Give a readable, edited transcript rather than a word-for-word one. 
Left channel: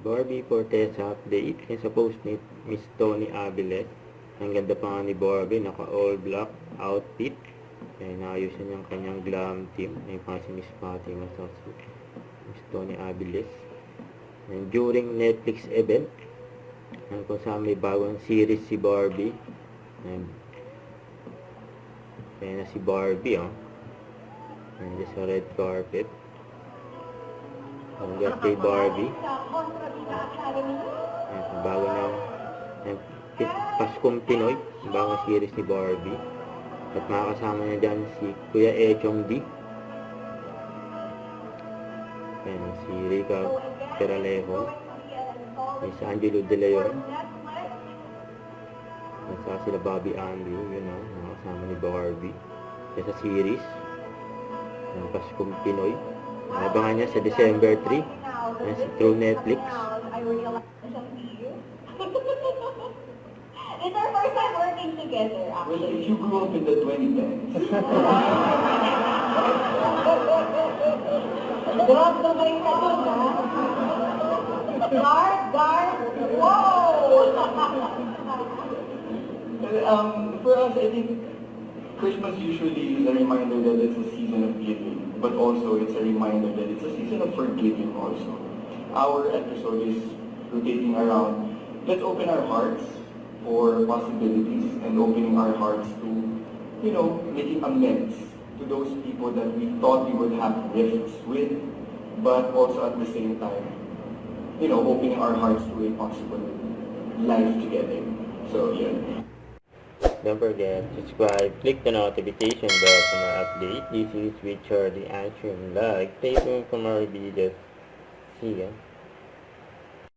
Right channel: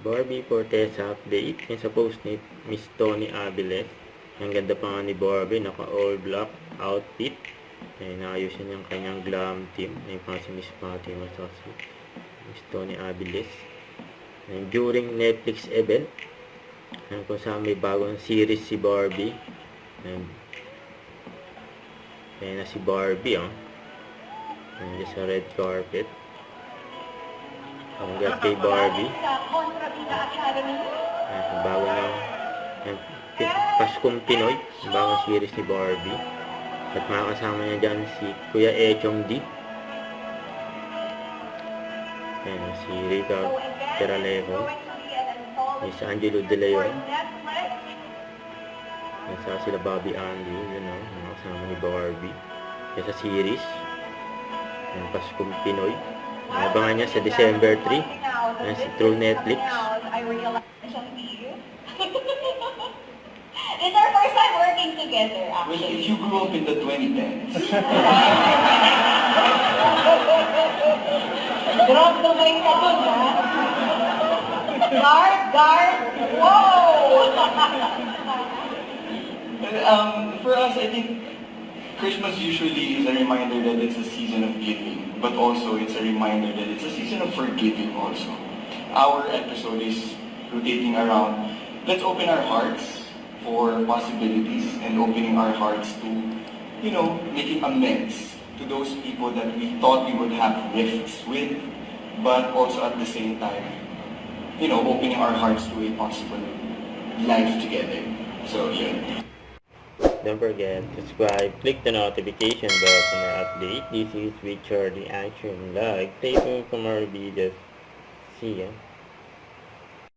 Barbie Fortesa update. Yung sa post ni Miss Tony Aviles. Ang ganda pa nga ni Barbie. Naka all black outfit. Ay, naayusin yung kanyang glam team. Ay, pa si Miss Fatima Sassi. Miss Tony Aviles. And during Netflix event. Ayan, kung saan may bagong series si Barbie. Ayan na si Barbie, oh. Ayan sa red carpet. Congrats kay Barbie. Ayan, bago na. Ayan, Paskong Pinoy. Bagong series ni Barbie. At makakasama niya dyan si Kuya Echong D. Ayan, si Rica Peralejo. Si Angelo De Leon. Nasa sila Bobby Andrew. Yun o, makakasama ni Barbie. Yan sa series. Ayan, Paskong Pinoy. Abangan niya sa December 3. Ayan, through Netflix. It's our first time working together, actually. Well, if you grew up in the 2010s. Drop the mic ka dun, ha? Guard! Whoa! For us, I think Christmas usually is a reminder that it's a season of giving, but also it's a reminder that it's a season of forgiving also. Our episode is rotating around, let's open our hearts for possibilities and opening our hearts to, making amends to those people that we thought we would have rifts with, but also at the same time, opening our hearts to a possible life together. So, yeah. Don't forget to subscribe, click the notification bell for more updates. This is Richard the Action Vlog. Stay tuned for more videos. See ya.